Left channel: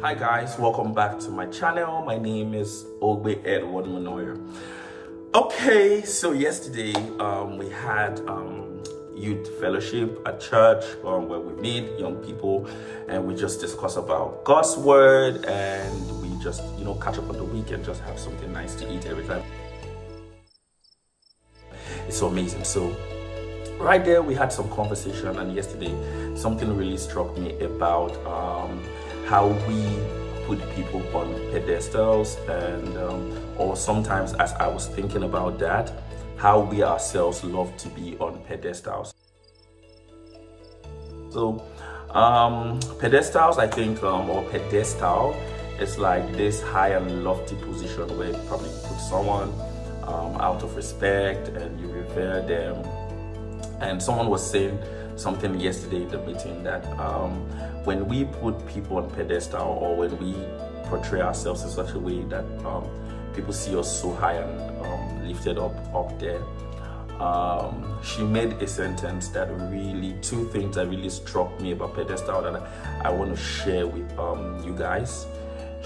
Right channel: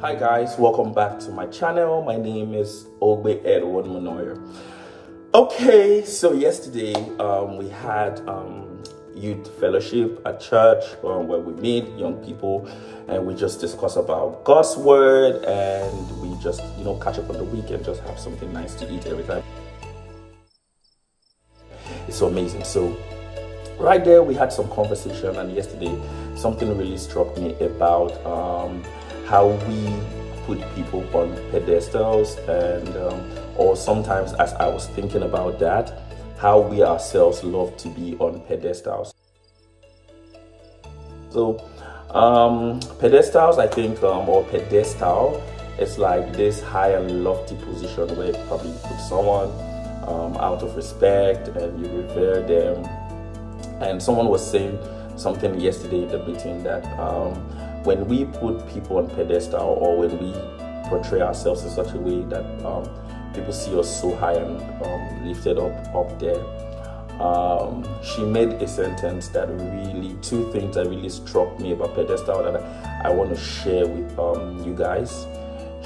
Hi guys, welcome back to my channel. My name is Ogbe Edward Manoyer. Okay, so yesterday we had youth fellowship at church where we meet young people and we just discuss about God's word, and we just catch up on the week and just have something nice to eat every time. It's so amazing. So right there we had some conversation, and yesterday something really struck me about how we put people on pedestals, and or sometimes, as I was thinking about that, how we ourselves love to be on pedestals. So pedestals, I think, or pedestal, it's like this high and lofty position where you probably put someone out of respect and you revere them. And someone was saying something yesterday in the meeting that when we put people on pedestal, or when we portray ourselves in such a way that people see us so high and lifted up there, she made a sentence that really, two things that really struck me about pedestal that I want to share with you guys.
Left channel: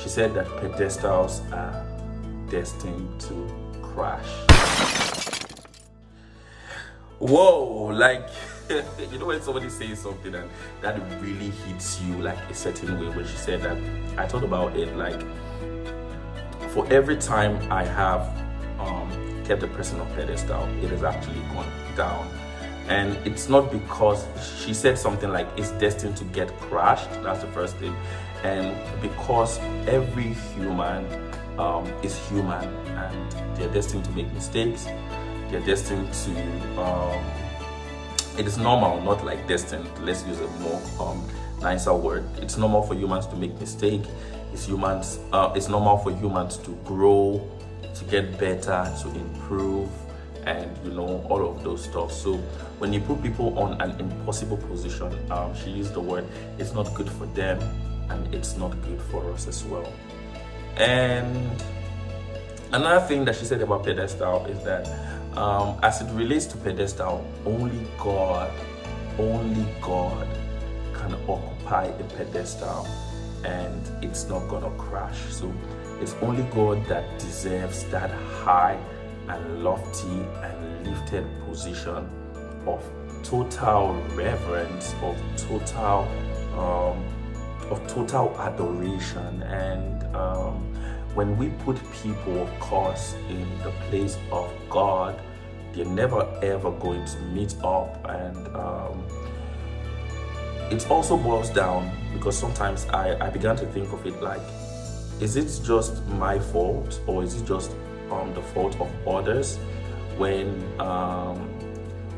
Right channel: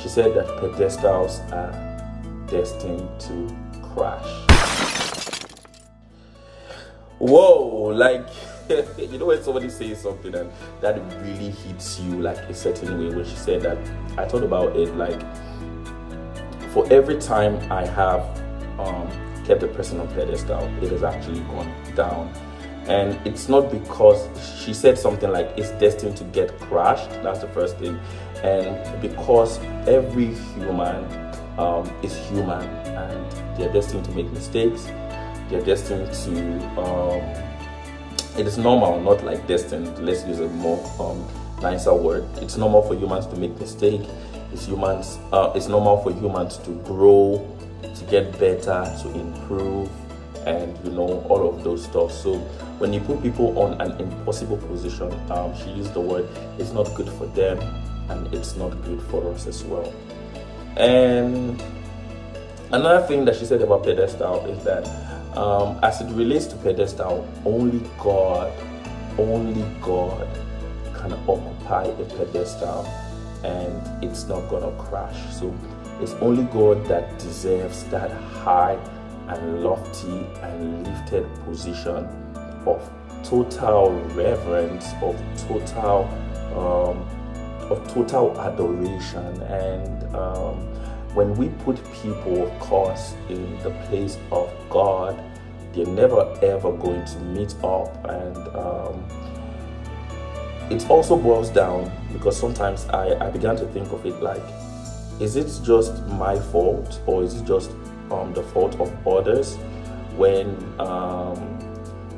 She said that pedestals are destined to crash. Whoa, like when somebody says something and that really hits you like a certain way. When she said that, I thought about it like, for every time I have kept the person on pedestal, it has actually gone down. And it's not because she said something like it's destined to get crashed. That's the first thing. And because every human is human, and they're destined to make mistakes. They're destined to it is normal, not like destined, let's use a more nicer word. It's normal for humans to make mistakes. It's normal for humans to grow, to get better, to improve, and all of those stuff. So when you put people on an impossible position, she used the word, it's not good for them, and it's not good for us as well. And another thing that she said about pedestal is that as it relates to pedestal, only God can occupy a pedestal and it's not gonna crash. So it's only God that deserves that high and lofty and lifted position of total reverence, of total adoration. And when we put people, of course, in the place of God, they're never ever going to meet up. And it also boils down, because sometimes I began to think of it like, is it just my fault, or is it just the fault of others when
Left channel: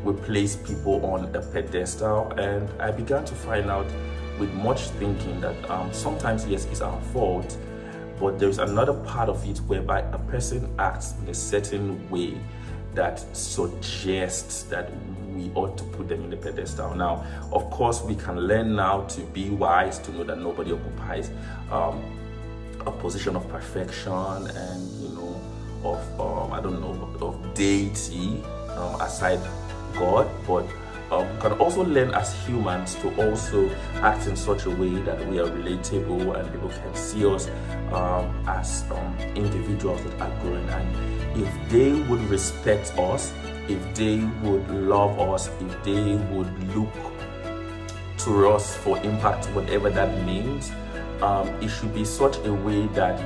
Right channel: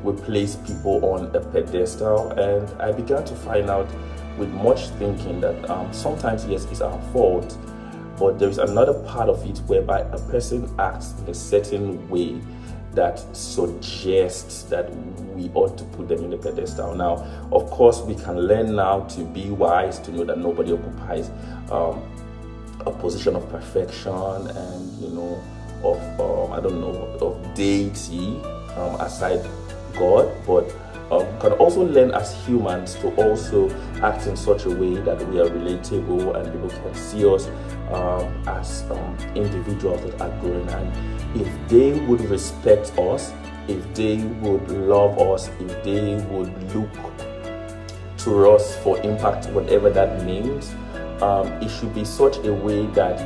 we place people on a pedestal? And I began to find out with much thinking that sometimes, yes, it's our fault, but there's another part of it whereby a person acts in a certain way that suggests that we ought to put them in the pedestal. Now, of course, we can learn now to be wise, to know that nobody occupies a position of perfection and of deity aside God, but can also learn as humans to also act in such a way that we are relatable and people can see us as individuals that are growing. And if they would respect us, if they would love us, if they would look to us for impact, whatever that means, it should be such a way that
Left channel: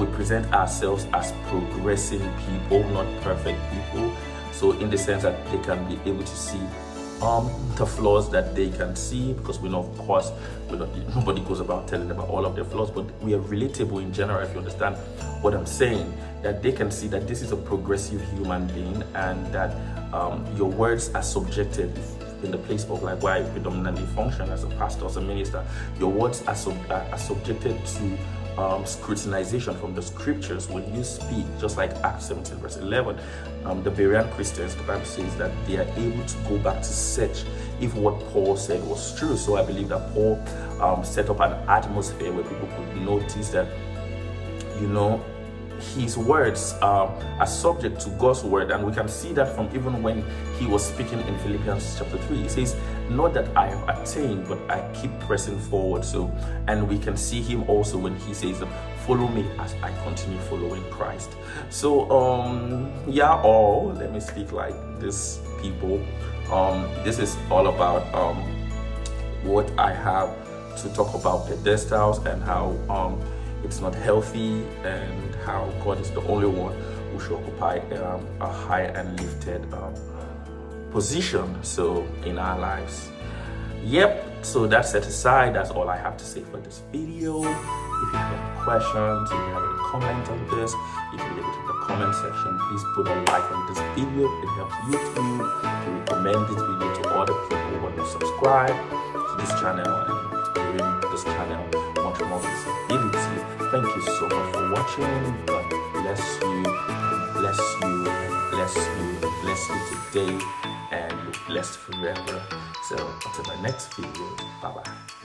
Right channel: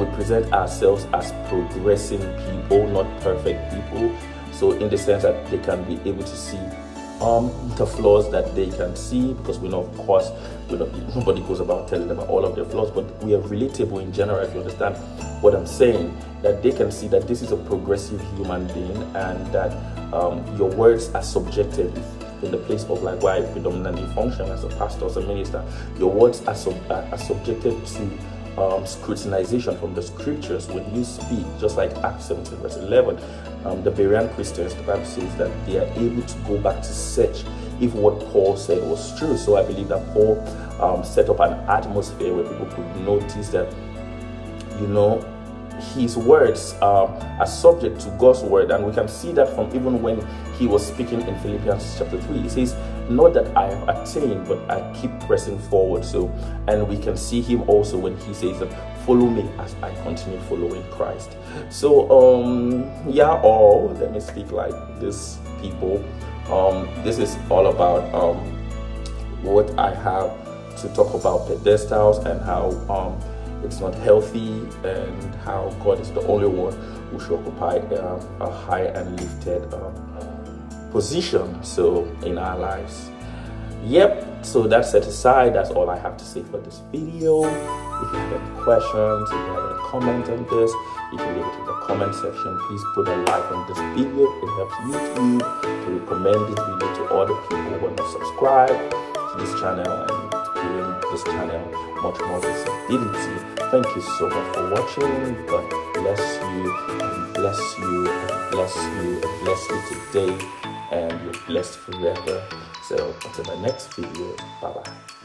we present ourselves as progressing people, not perfect people. So in the sense that they can be able to see the flaws that they can see, because we know, of course, nobody goes about telling them about all of their flaws, but we are relatable in general, if you understand what I'm saying, that they can see that this is a progressive human being, and that your words are subjective. In the place of like where I predominantly function as a pastor, as a minister, your words are subjected to scrutinization from the scriptures when you speak. Just like Acts 17 verse 11, the Berean Christians, the Bible says that they are able to go back to search if what Paul said was true. So I believe that Paul set up an atmosphere where people could notice that his words are subject to God's word. And we can see that from even when he was speaking in Philippians chapter 3. He says, not that I have attained, but I keep pressing forward. So, and we can see him also when he says, follow me as I continue following Christ. So yeah, let me speak like this, people. This is all about what I have to talk about pedestals, and how it's not healthy, and how God is the only one who should occupy a high and lifted position so in our lives. Yep, so that set aside, that's all I have to say for this video. If you have any questions, if you have any comments on this, you can leave it in the comment section. Please put a like on this video. It helps YouTube to recommend this video to other people who want to subscribe to this channel and giving this channel much more visibility. Thank you so much for watching. God bless you, and bless you, and bless you, and bless you today, and you're blessed forever. So until my next video, bye bye.